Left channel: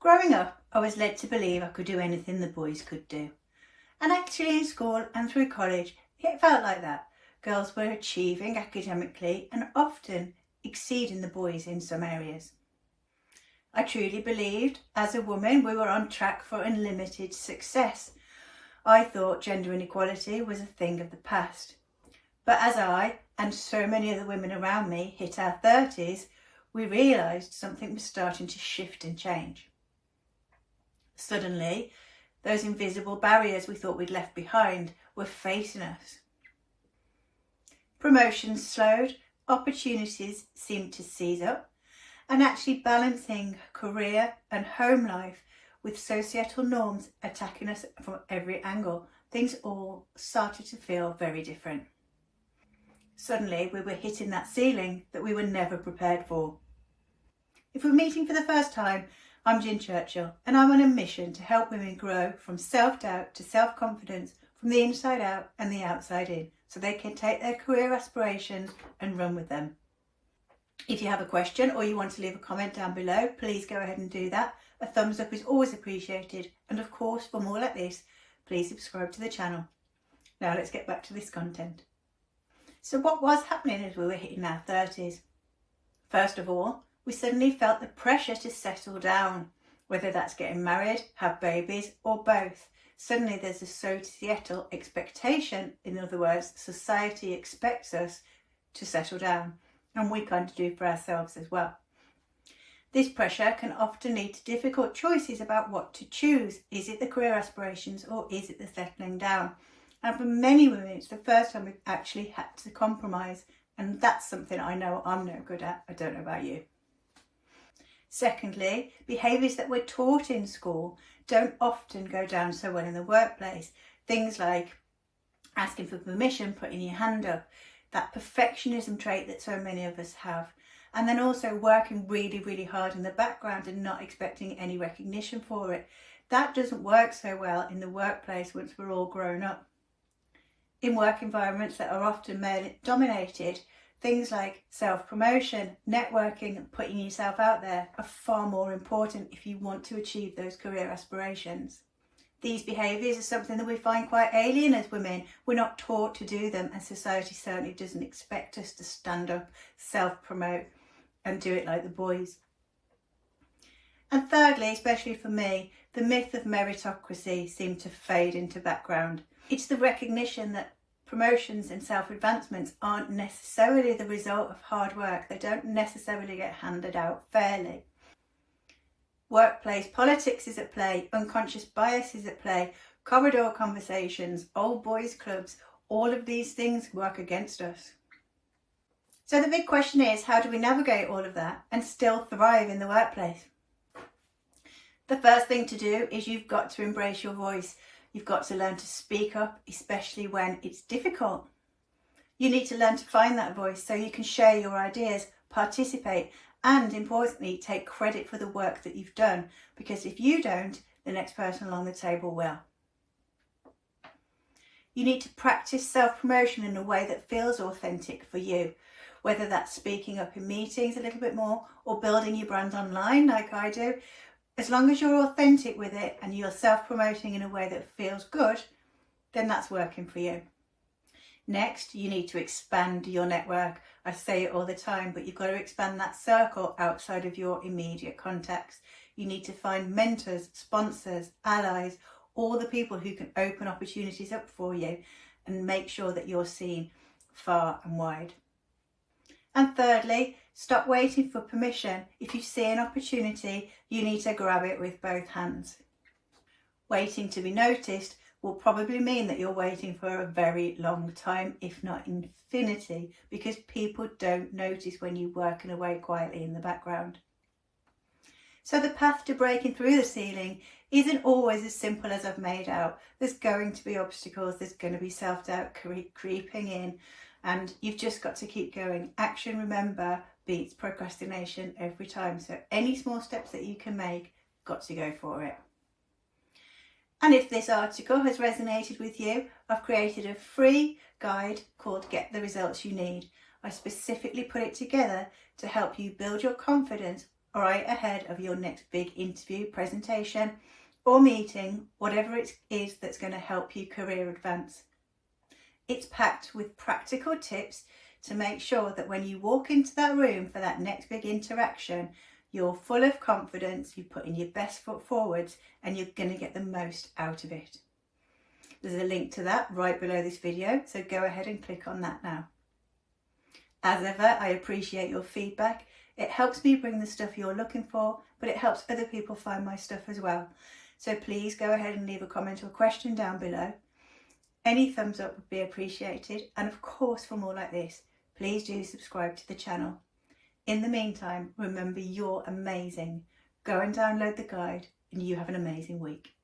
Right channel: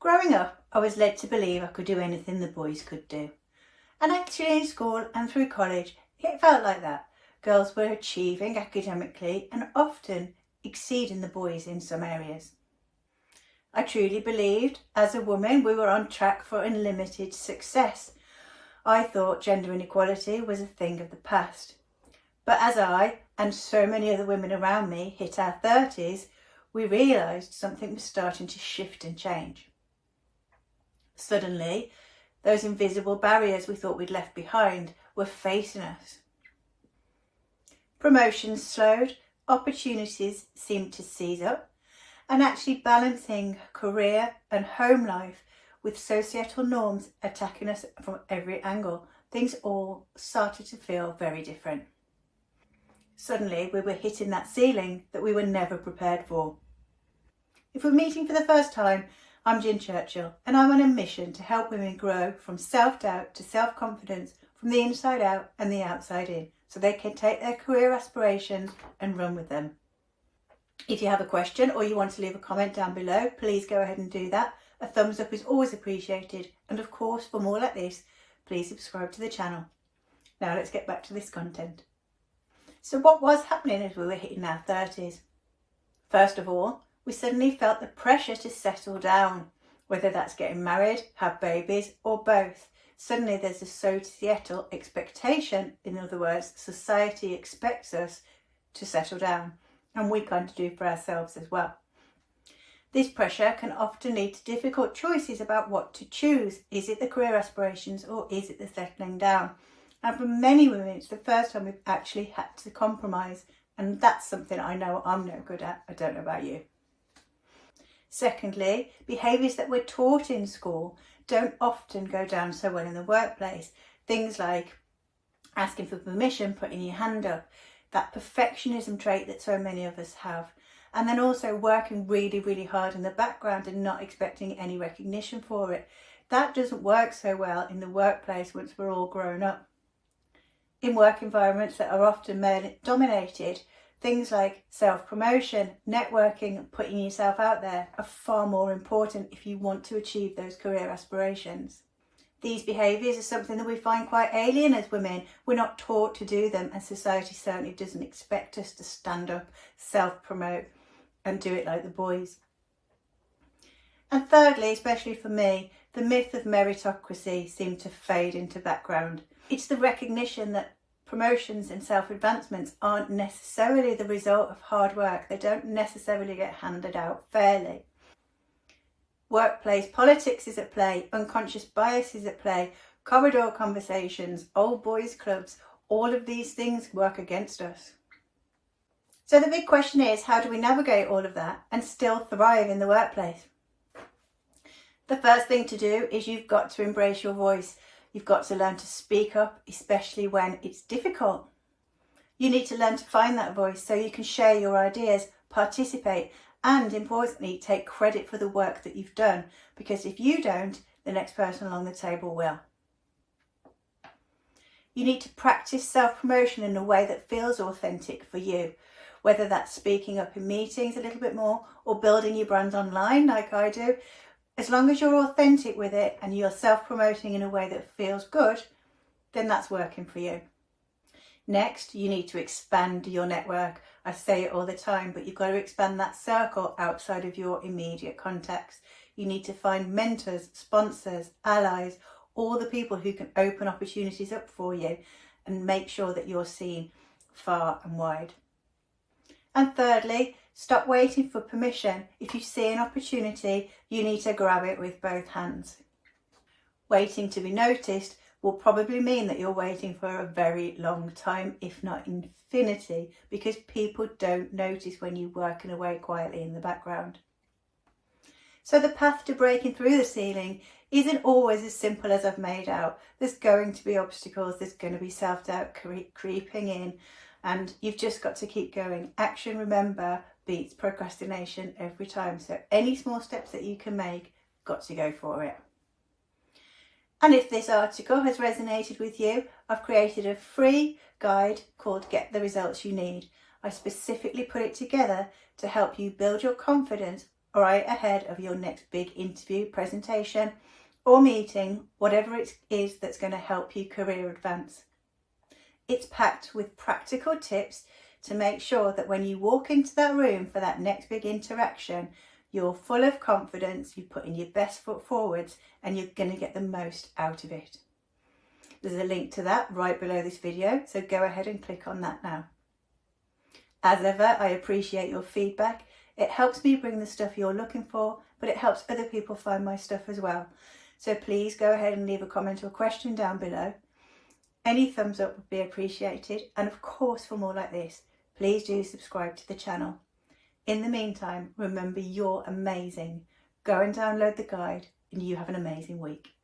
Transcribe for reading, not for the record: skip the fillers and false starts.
Growing up, I was led to believe I could do anything the boys could do. And actually in school and through college, it felt like that. Girls were achieving academically and often exceeding the boys in some areas. I truly believed, as a woman, we were on track for unlimited success. I thought gender inequality was a thing of the past. But as I, and so many other women around me, hit our 30s, we realised something was starting to shift and change. Suddenly, those invisible barriers we thought we'd left behind were facing us. Promotions slowed, opportunities seemed to seize up, and actually balancing career and home life with societal norms attacking us from every angle, things all started to feel very different. Suddenly, we were hitting that ceiling that we were never prepared for. If we're meeting for the first time, I'm Churchill, and I'm on a mission to help women grow from self-doubt to self-confidence from the inside out and the outside in, so they can take their career aspirations and run with them. If you have a question or you want to leave a comment down below, please go ahead and do that. A thumbs up is always appreciated, and of course, for more like this, please subscribe to the channel. Now let's get back to this content. So what was happening as we were hitting our 30s? First of all, we suddenly felt the pressure to settle down, whether that's getting married, have babies, or both. Suddenly there's a societal expectation, in other words, society expects us to settle down, and we kind of do for ourselves as well. This pressure can often lead to difficult choices about what to choose. Is it the career aspirations or is it the settling down? And for many women, it's the first time we've actually had to compromise, and that's something I know I'm no good at. I don't know about you. Secondly, behaviours that we're taught in school don't often go down so well in the workplace. Things like asking for permission, putting your hand up, that perfectionism trait that so many of us have. And then also working really, really hard in the background and not expecting any recognition for it. That doesn't work so well in the workplace once we're all grown up. In work environments that are often male dominated, things like self-promotion, networking and putting yourself out there are far more important if you want to achieve those career aspirations. These behaviours are something that we find quite alien as women. We're not taught to do them, and society certainly doesn't expect us to stand up, self-promote and do it like the boys. And thirdly, especially for me, the myth of meritocracy seemed to fade into background. It's the recognition that promotions and self-advancements aren't necessarily the result of hard work. They don't necessarily get handed out fairly. Workplace politics is at play, unconscious bias is at play, corridor conversations, old boys clubs, all of these things work against us. So the big question is, how do we navigate all of that and still thrive in the workplace? The first thing to do is you've got to embrace your voice. You've got to learn to speak up, especially when it's difficult. You need to learn to find that voice so you can share your ideas, participate, and importantly, take credit for the work that you've done, because if you don't, the next person along the table will. You need to practice self-promotion in a way that feels authentic for you, whether that's speaking up in meetings a little bit more or building your brand online like I do. As long as you're authentic with it and you're self-promoting in a way that feels good, then that's working for you. Next, you need to expand your network. I say it all the time, but you've got to expand that circle outside of your immediate contacts. You need to find mentors, sponsors, allies, all the people who can open opportunities up for you and make sure that you're seen far and wide. And thirdly, stop waiting for permission. If you see an opportunity, you need to grab it with both hands. Waiting to be noticed will probably mean that you're waiting for a very long time, if not infinity, because people don't notice when you're working away quietly in the background. So the path to breaking through the ceiling isn't always as simple as I've made out. There's going to be obstacles, there's going to be self-doubt creeping in, and you've just got to keep going. Action, remember, beats procrastination every time. So any small steps that you can make, got to go for it. And if this article has resonated with you, I've created a free guide called Get the Results You Need. I specifically put it together to help you build your confidence right ahead of your next big interview, presentation or meeting, whatever it is that's going to help you career advance. It's packed with practical tips to make sure that when you walk into that room for that next big interaction, you're full of confidence, you're putting your best foot forwards, and you're going to get the most out of it. There's a link to that right below this video, so go ahead and click on that now. As ever, I appreciate your feedback. It helps me bring the stuff you're looking for, but it helps other people find my stuff as well. So please go ahead and leave a comment or question down below. Any thumbs up would be appreciated. And of course, for more like this, please do subscribe to the channel. In the meantime, remember you're amazing. Go and download the guide and you have an amazing week.